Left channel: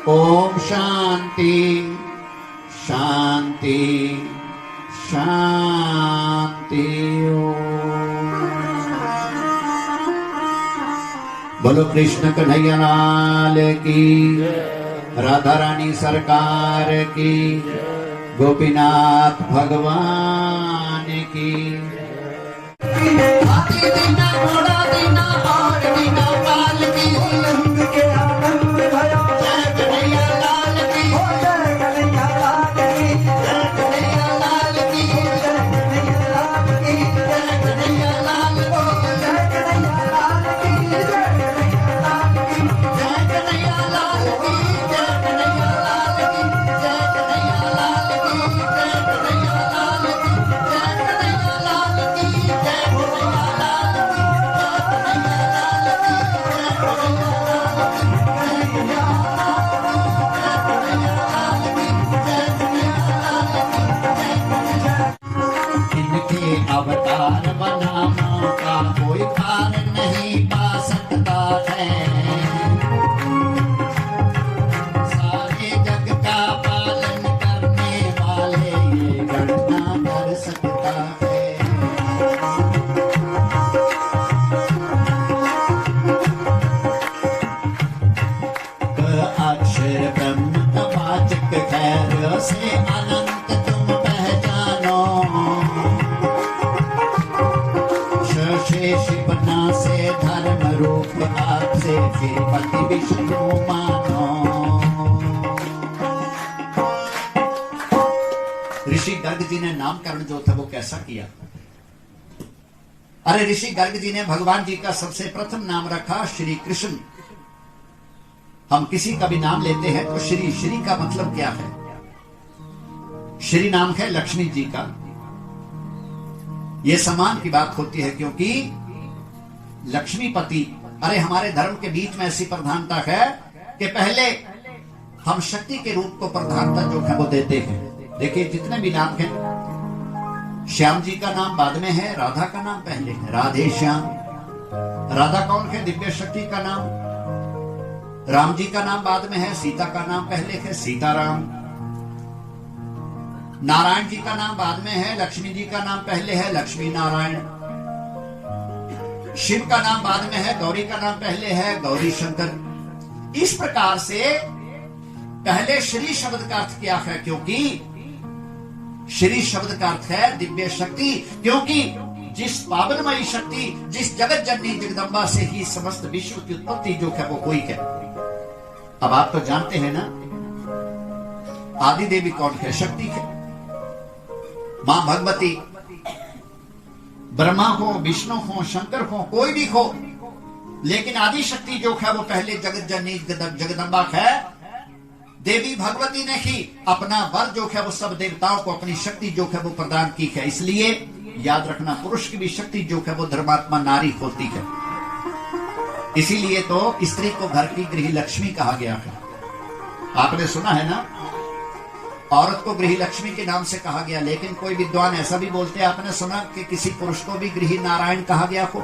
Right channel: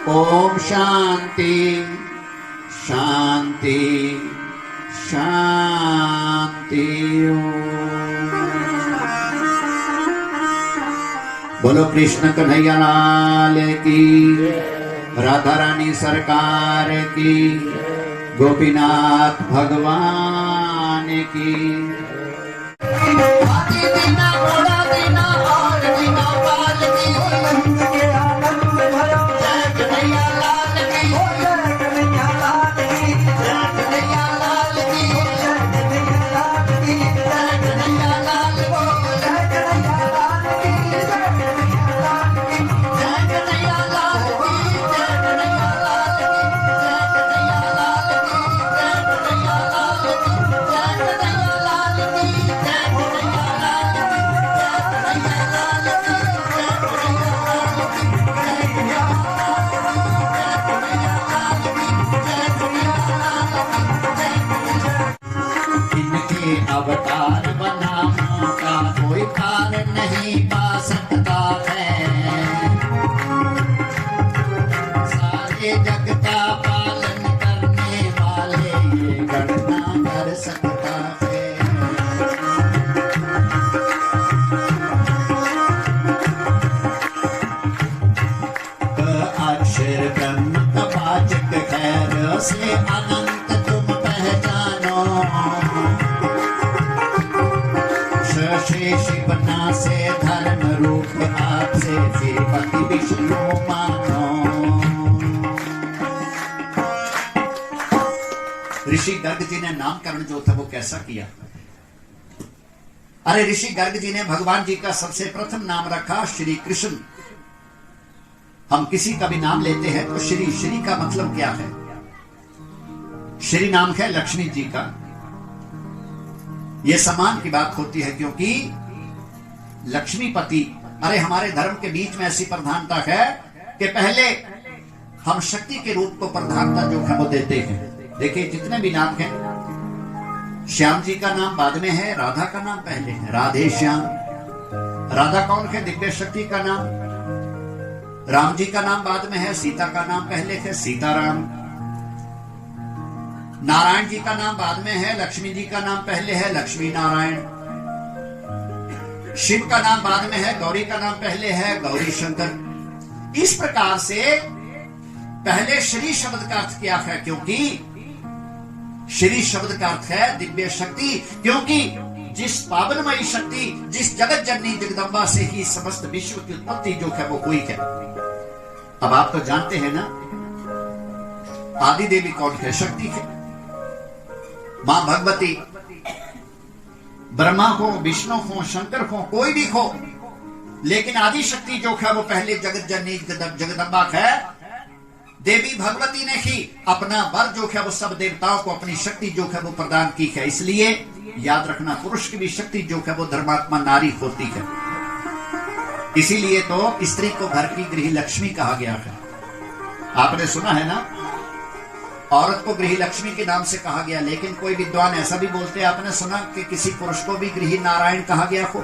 ओम शांति शांति शांति। बोलो कृष्ण कन्हैया लाल की, राधा रानी सरकार की, गोपीनाथ भगवान की। अवतार बनाने का कोई पार नहीं पा सकता है, सारे जग का पालन करने वाले ये गणना कर सकता है। अक्षर ब्रह्म का वाचक खैर से अनंत तुम पहचानो, शेष बना से धर्म रूप आपसे फिर पति विष्णु मानो। ऋषि गर्ग जी ने नामकरण जो था वो कैसा किया? अरे ऋषि गर्ग जी ने भगवान जी का सबसे प्रथम नाम रखा श्री कृष्ण। हम किसी का भी नाम लेते हैं तो श्री, श्री का मतलब क्या है? श्री नाम है लक्ष्मी जी का। यह सम्मान की बात होती है क्योंकि लक्ष्मीपति, अरे हमारे धर्म के बीच में ऐसी प्रधानता है कि पहले हम शक्ति के रूप को प्रधानता जो है वो देते हैं। देखिए जितने भी नाम हैं, श्याम जी का नाम बाद में है, राधा का नाम पहले है, राधे श्याम। राधा कौन है? दिव्य शक्ति का नाम। राम जी का नाम बाद में है, सीता का नाम पहले है, सीताराम। नारायण जी का नाम बाद में है, लक्ष्मी जी का नाम पहले है, लक्ष्मी नारायण। शिव का नाम बाद में है, गौरी का नाम पहले है, गौरी शंकर। इस प्रकार से पहले श्री शब्द का अर्थ क्या है? क्योंकि श्री शब्द का अर्थ है दिव्य शक्ति, क्योंकि जिस पावनमयी शक्ति, जिस जगत जननी जगदम्बा से ही समस्त विश्व की उत्पत्ति जो है वो हुई है। अब आप तो जानते हैं ना, आदि देवी कौन है? शक्ति है। मां भगवती, ब्रह्मा हो, विष्णु हो, शंकर हो, कोई भी हो, लेकिन आदि शक्ति जो है वो पहले जगत जननी जगदम्बा है। देवी भगवती ने ही अपना वर जो है वो सब देवताओं को अपनी शक्ति जो है वो प्रदान की है। इसलिए याद रखना, पुरुष की भी शक्ति जो है वो धर्मात्मा नारी होती है। इसीलिए तो स्त्री को घर की गृह लक्ष्मी कहा गया है। आपने सुना है ना, औरत को गृह लक्ष्मी के नाम से कहा गया, लेकिन कोई विद्वान ऐसा भी बोलते हैं, आपने सुना कि किसी पुरुष को भी गृह नारायण कहा गया हो?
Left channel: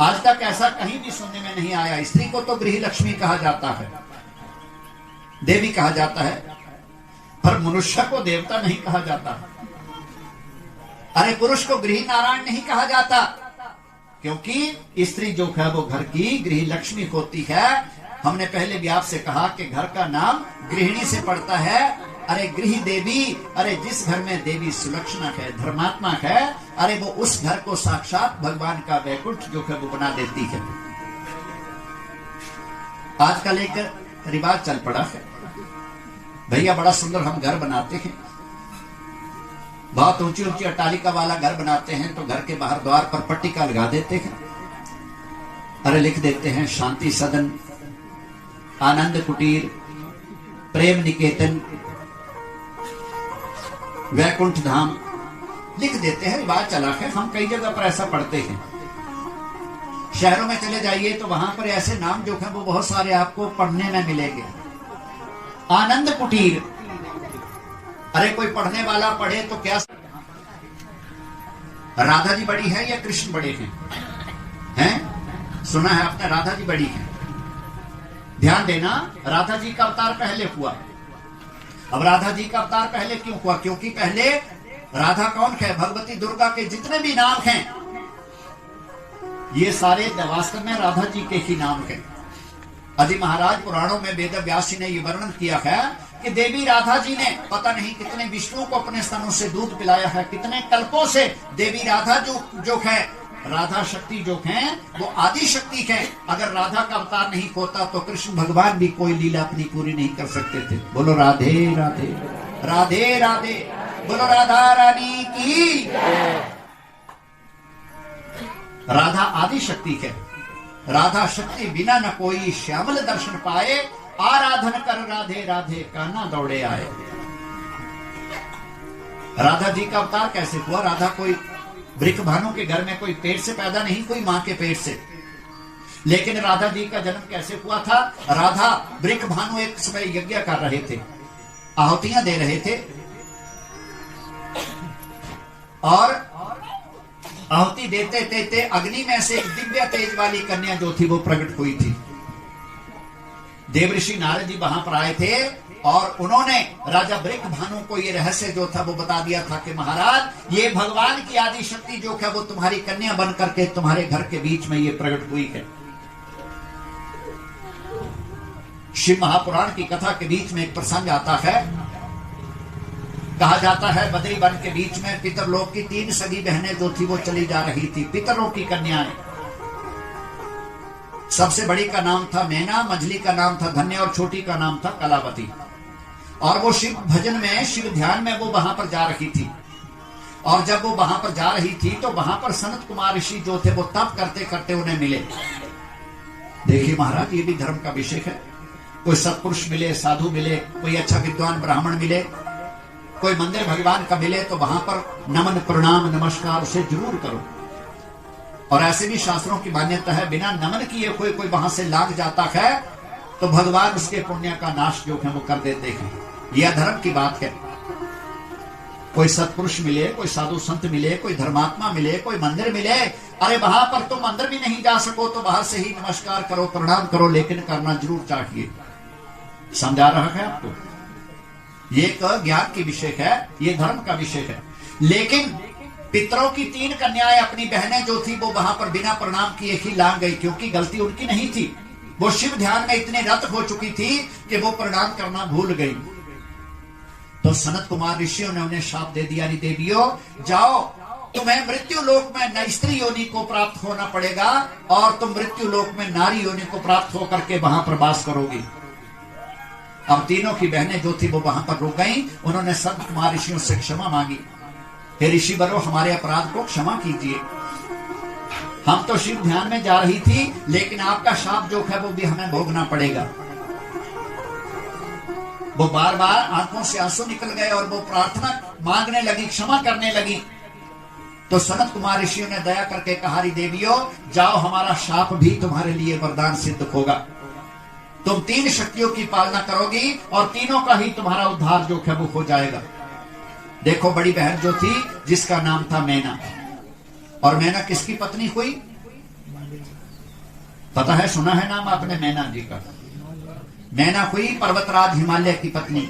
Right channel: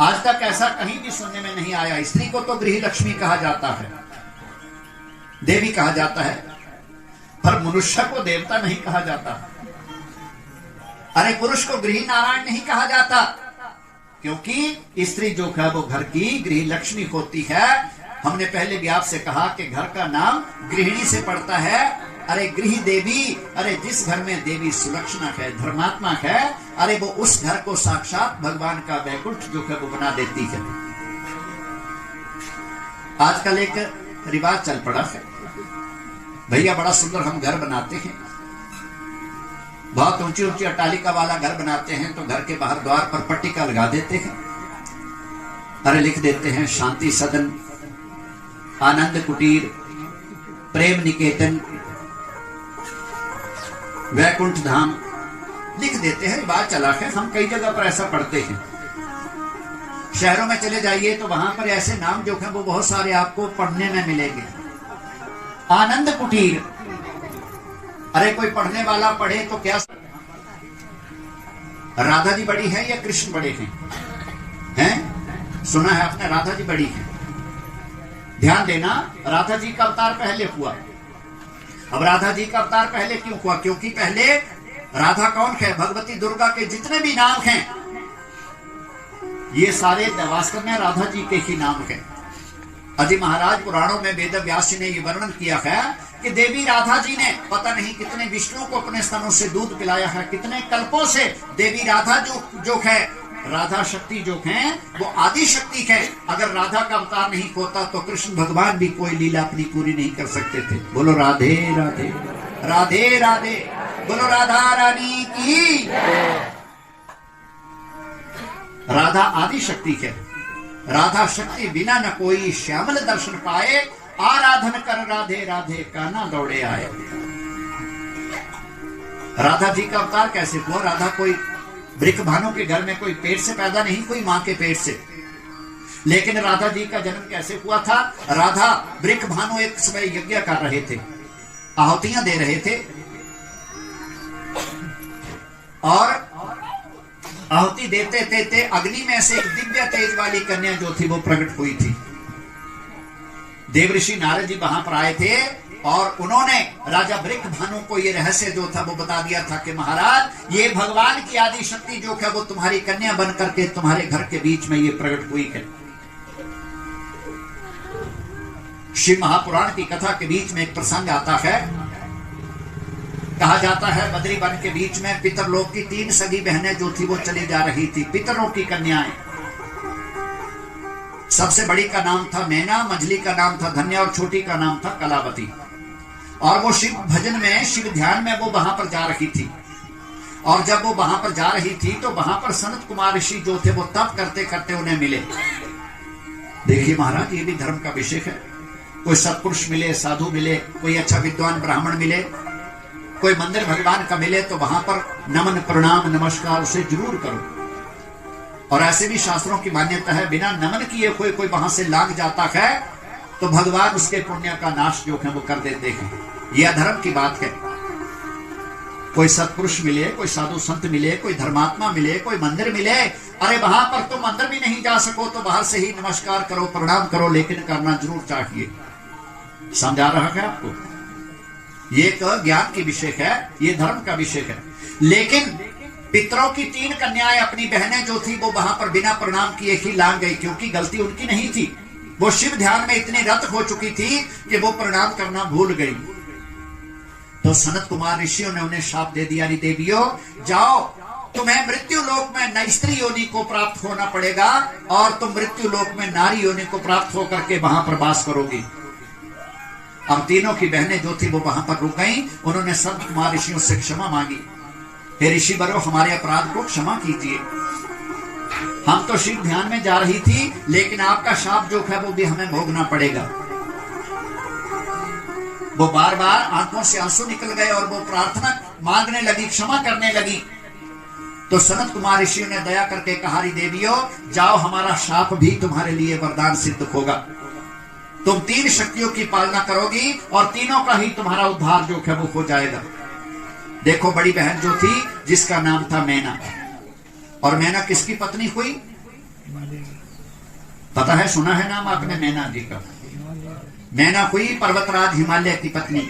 आज तक ऐसा कहीं भी सुनने में नहीं आया। स्त्री को तो गृह लक्ष्मी कहा जाता है, देवी कहा जाता है, पर मनुष्य को देवता नहीं कहा जाता। अरे पुरुष को गृह नारायण नहीं कहा जाता, क्योंकि स्त्री जो है वो घर की गृह लक्ष्मी होती है। हमने पहले भी आपसे कहा कि घर का नाम गृहिणी से पड़ता है। अरे गृह देवी, अरे जिस घर में देवी सुलक्षणा है, धर्मात्मा है, अरे वो उस घर को साक्षात भगवान का वैकुंठ जो है वो बना देती है। आजकल एक रिवाज चल पड़ा है, भैया बड़ा सुंदर हम घर बनाते हैं, बहुत ऊंची ऊंची अट्टालिका वाला घर बनाते हैं, तो घर के बाहर द्वार पर पट्टिका लगा देते हैं। अरे लिख देते हैं शांति सदन, आनंद कुटीर, प्रेम निकेतन, वैकुंठ धाम लिख देते हैं। बात चला है, हम कई जगह पर ऐसा पढ़ते हैं। शहरों में चले जाइए तो वहां पर ऐसे नाम जो है वो बहुत सारे आपको पढ़ने में मिलेंगे। आनंद कुटीर, अरे कोई पढ़ने वाला पढ़े तो क्या, राधा जी बड़ी है या कृष्ण बड़े हैं? सुना है आपने, राधा जी बड़ी है। ध्यान देना, राधा जी का अवतार पहले हुआ। अब राधा जी का अवतार पहले क्यों हुआ? क्योंकि पहले राधा कौन है? भगवती दुर्गा के जितने भी नाम हैं ये सारे वास्तव में राधा जी के ही नाम हैं। आदि महाराज पुराणों में वेद व्यास जी ने ये वर्णन किया है कि देवी राधा जी ने पता नहीं कितने विष्णु को अपने स्तनों से दूध पिलाया है, कितने कल्पों से देवी राधा जो है, राधा शक्ति जो है वो आदि शक्ति है। अगर राधा का अवतार नहीं होता तो कृष्ण भगवान भी कोई लीला अपनी पूरी नहीं कर सकते थे। बोलो राधे राधे, राधे राधे, बोलो राधा रानी की। राधा आदि शक्ति है। राधा शक्ति बिना न कोई श्यामल दर्शन पाए, आराधन कर राधे राधे काना दौड़े आए। राधा जी का अवतार कैसे हुआ? राधा कोई वृक भानु के घर में कोई पेट से पैदा नहीं, कोई मां के पेट से। लेकिन राधा जी का जन्म कैसे हुआ था? राधा वृक भानु एक समय यज्ञ कर रहे थे, आहुतियां दे रहे थे, और आहुति देते देते अग्नि में से एक दिव्य तेज वाली कन्या जो थी वो प्रकट हुई थी। देवऋषि नारद जी वहां पर आए थे और उन्होंने राजा वृक भानु को ये रहस्य जो था वो बता दिया था कि महाराज ये भगवान की आदि शक्ति जो है वो तुम्हारी कन्या बन करके तुम्हारे घर के बीच में ये प्रकट हुई है। शिव महापुराण की कथा के बीच में एक प्रसंग आता है। कहा जाता है बद्री वन के बीच में पितरलोक की 3 सगी बहनें जो थी वो चली जा रही थी, पितरलोक की कन्याएं। सबसे बड़ी का नाम था नैना, मझली का नाम था धन्या और छोटी का नाम था कलावती। और वो शिव भजन में, शिव ध्यान में वो वहां पर जा रही थी। और जब वो वहां पर जा रही थी तो वहां पर सनत कुमार ऋषि जो थे वो तप करते करते उन्हें मिले। देखिए महाराज ये भी धर्म का विषय है। कोई सत्पुरुष मिले, साधु मिले, कोई अच्छा विद्वान ब्राह्मण मिले, कोई मंदिर भगवान का मिले तो वहां पर नमन प्रणाम नमस्कार उसे जरूर करो। और ऐसे भी शास्त्रों की मान्यता है बिना नमन किए कोई वहां से लाग जाता है तो भगवान उसके पुण्य का नाश जो है वो कर देते हैं। यह धर्म की बात है। कोई सत्पुरुष मिले, कोई साधु संत मिले, कोई धर्मात्मा मिले, कोई मंदिर मिले, अरे वहां पर तुम अंदर भी नहीं जा सको तो बाहर से ही नमस्कार करो, प्रणाम करो, लेकिन करना जरूर चाहिए। समझा रहा है आपको? ये एक ज्ञान की विषय है, ये धर्म का विषय है। लेकिन पितरों की 3 कन्याएं अपनी बहनें जो थी वो वहां पर बिना प्रणाम किए ही लांग गई, क्योंकि गलती उनकी नहीं थी। वो शिव ध्यान में इतनी रत हो चुकी थी कि वो प्रणाम करना भूल गई। तो सनत कुमार ऋषियों ने उन्हें शाप दे दिया, देवियों जाओ, तुम्हें मृत्यु लोक में न स्त्री योनि को प्राप्त होना पड़ेगा और तुम मृत्यु लोक में नारी योनि को प्राप्त होकर के वहां पर वास करोगी। अब तीनों की बहनें जो थी वो वहां पर रुक गई। उन्होंने संत कुमार ऋषियों से क्षमा मांगी, हे ऋषि बरो हमारे अपराध को क्षमा कीजिए। हम तो शिव ध्यान में जा रही थी, लेकिन आपका शाप जो है वो भी हमें भोगना पड़ेगा। वो बार बार आंखों से आंसू निकल गए और वो प्रार्थना मांगने लगी, क्षमा करने लगी। तो सनत कुमार ऋषियों ने दया करके कहा, देवियों जाओ, हमारा शाप भी तुम्हारे लिए वरदान सिद्ध होगा। तुम 3 शक्तियों की पालना करोगी और तीनों का ही तुम्हारा उद्धार जो है वो हो जाएगा। देखो बड़ी बहन जो थी जिसका नाम था मैना, और मैना किसकी पत्नी हुई? पता है, सुना है नाम आपने मैना जी का? मैना हुई पर्वतराज हिमालय की पत्नी।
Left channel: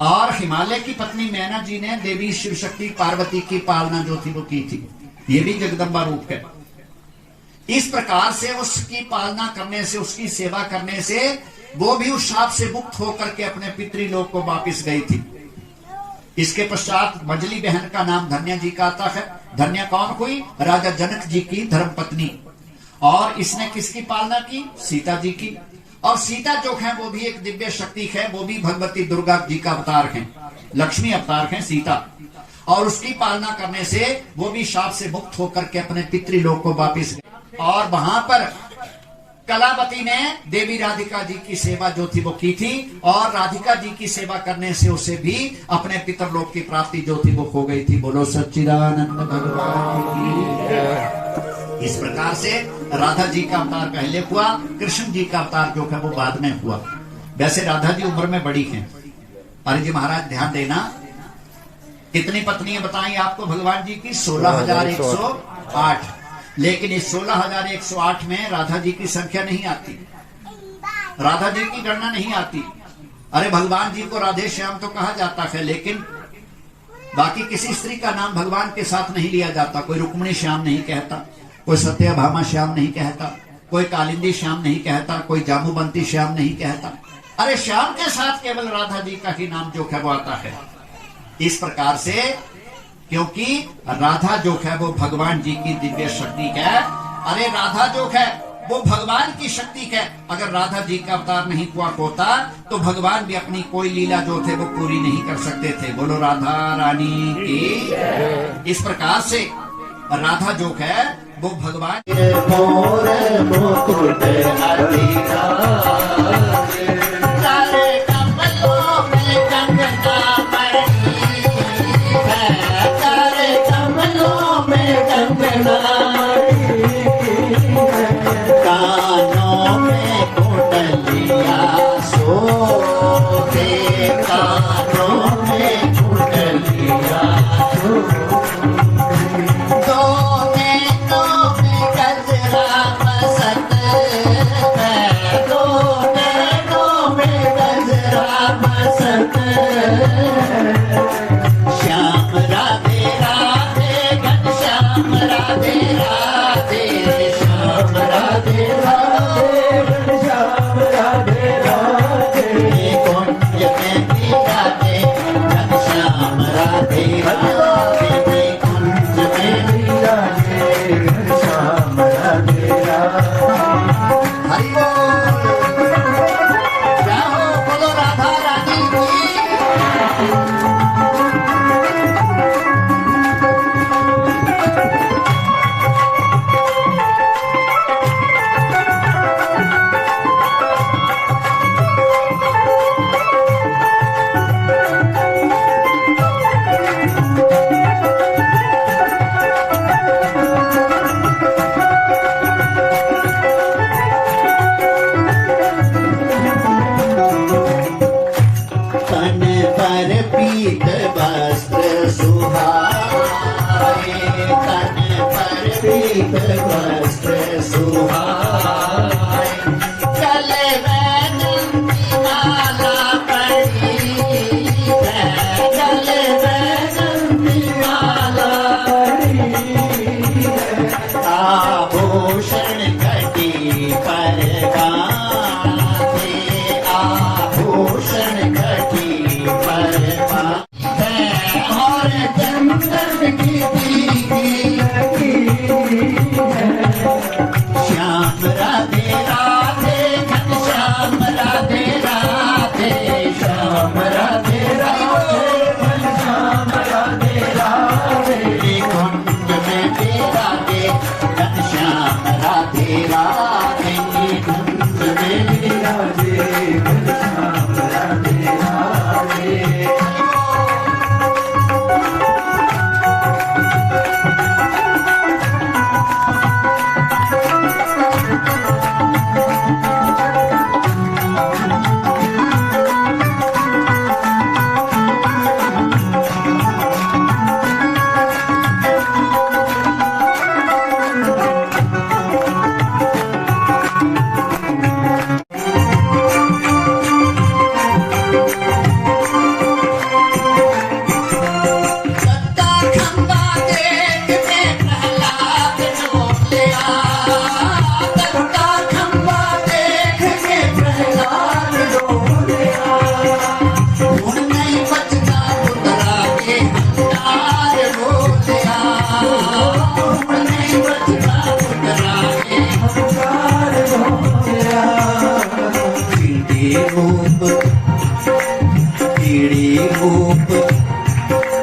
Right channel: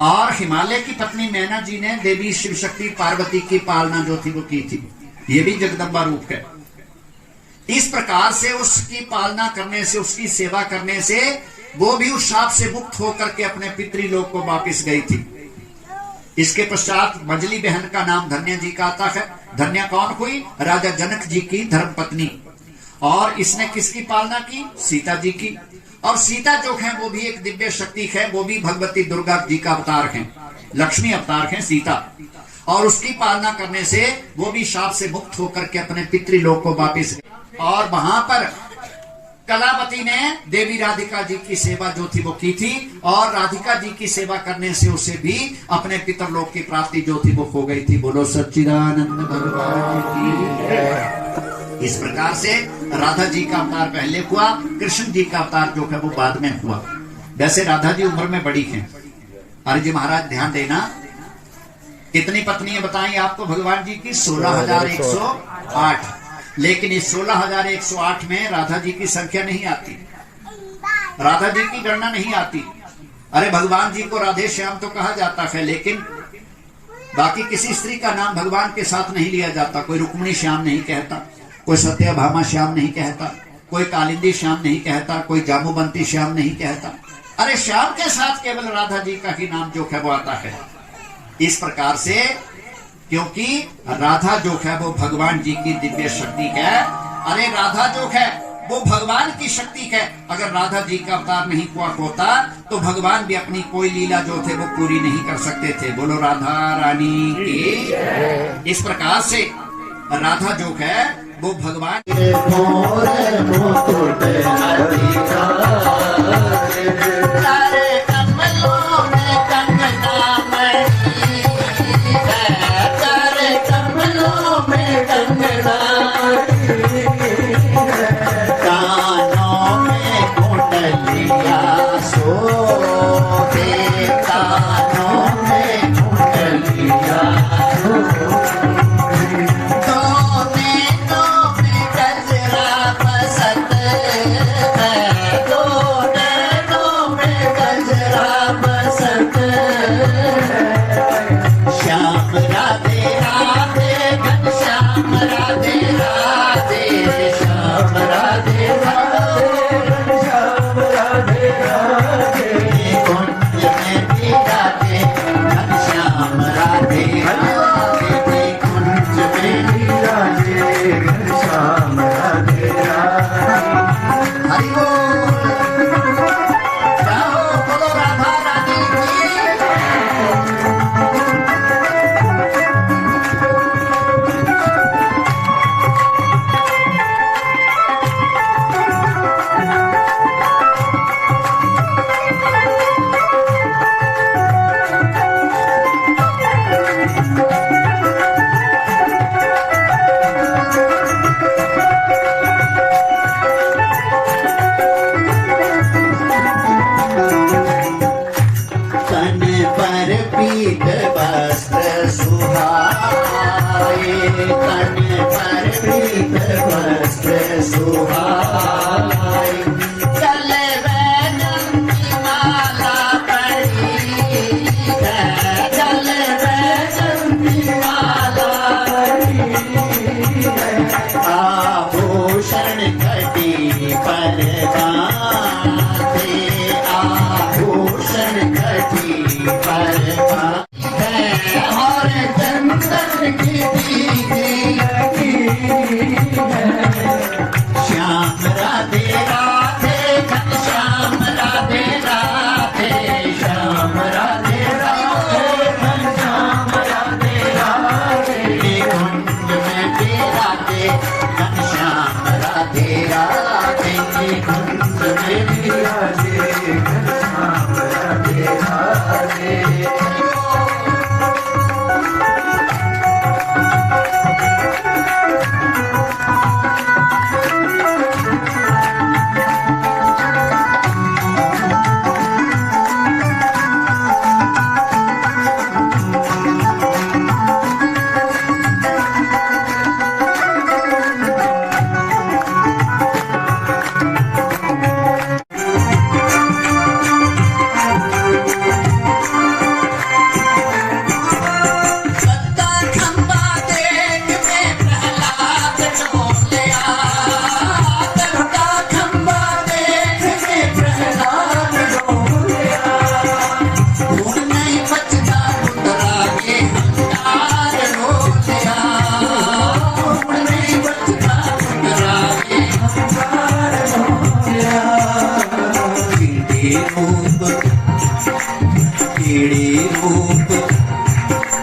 और हिमालय की पत्नी मैना जी ने देवी शिव शक्ति पार्वती की पालना जो थी वो की थी। ये भी जगदम्बा रूप है। इस प्रकार से उसकी पालना करने से, उसकी सेवा करने से वो भी उस शाप से मुक्त होकर के अपने पितृलोक को वापस गई थी। इसके पश्चात मझली बहन का नाम धन्या जी का आता है। धन्या कौन हुई? राजा जनक जी की धर्मपत्नी। और इसने किसकी पालना की? सीता जी की। और सीता जो है वो भी एक दिव्य शक्ति है, वो भी भगवती दुर्गा जी का अवतार है, लक्ष्मी अवतार है सीता। और उसकी पालना करने से वो भी शाप से मुक्त होकर के अपने पितृलोक को वापस गए। और वहां पर कलावती ने देवी राधिका जी की सेवा जो थी वो की थी, और राधिका जी की सेवा करने से उसे भी अपने पितरलोक की प्राप्ति जो थी वो हो गई थी। बोलो सच्चिदानंद भगवान की। इस प्रकार से राधा जी का अवतार पहले हुआ, कृष्ण जी का अवतार जो है वो बाद में हुआ। वैसे राधा जी उम्र में बड़ी हैं। अरे जी महाराज ध्यान देना, कितनी पत्नियां बताई आपको भगवान जी की? 16,108। लेकिन इस 16,108 में राधा जी की संख्या नहीं आती, राधा जी की गणना नहीं आती। अरे भगवान जी को राधे श्याम तो कहा जाता है, लेकिन बाकी किसी स्त्री का नाम भगवान के साथ नहीं लिया जाता। कोई रुक्मिणी श्याम नहीं कहता, कोई सत्यभामा श्याम नहीं कहता, कोई कालिंदी श्याम नहीं कहता, कोई जामुबंती श्याम नहीं कहता। अरे श्याम के साथ केवल राधा जी का ही नाम जो है वो आता है। इस प्रकार से, क्योंकि राधा जो है वो भगवान जी की दिव्य शक्ति है। अरे राधा जो है वो भगवान की शक्ति है। अगर राधा जी का अवतार नहीं हुआ होता तो भगवान भी अपनी कोई लीला जो थे वो पूरी नहीं कर सकते थे। बोलो राधा रानी की। इस प्रकार से राधा जो है वो भगवान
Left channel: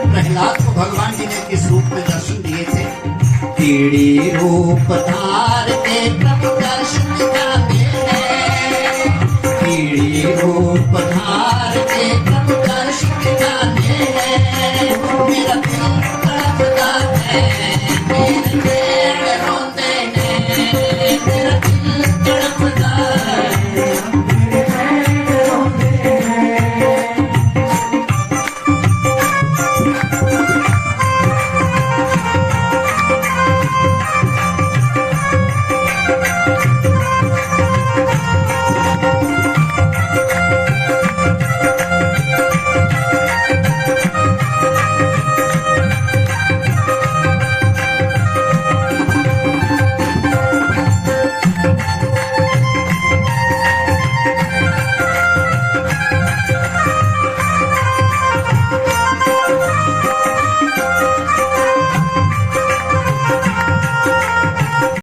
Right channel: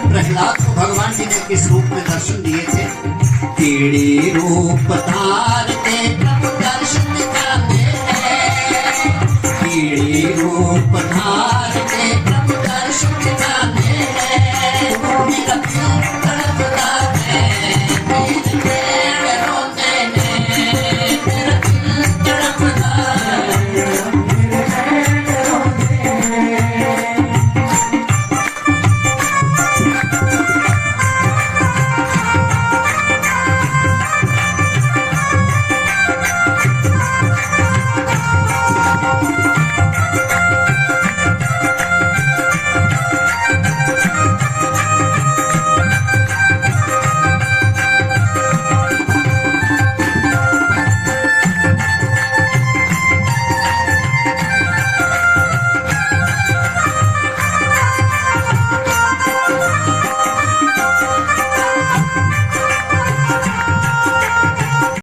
प्रहलाद को भगवान जी ने किस रूप में दर्शन दिए थे? कीड़ी रूप धारते प्रभु दर्शन दिखाते हैं, कीड़ी रूप धार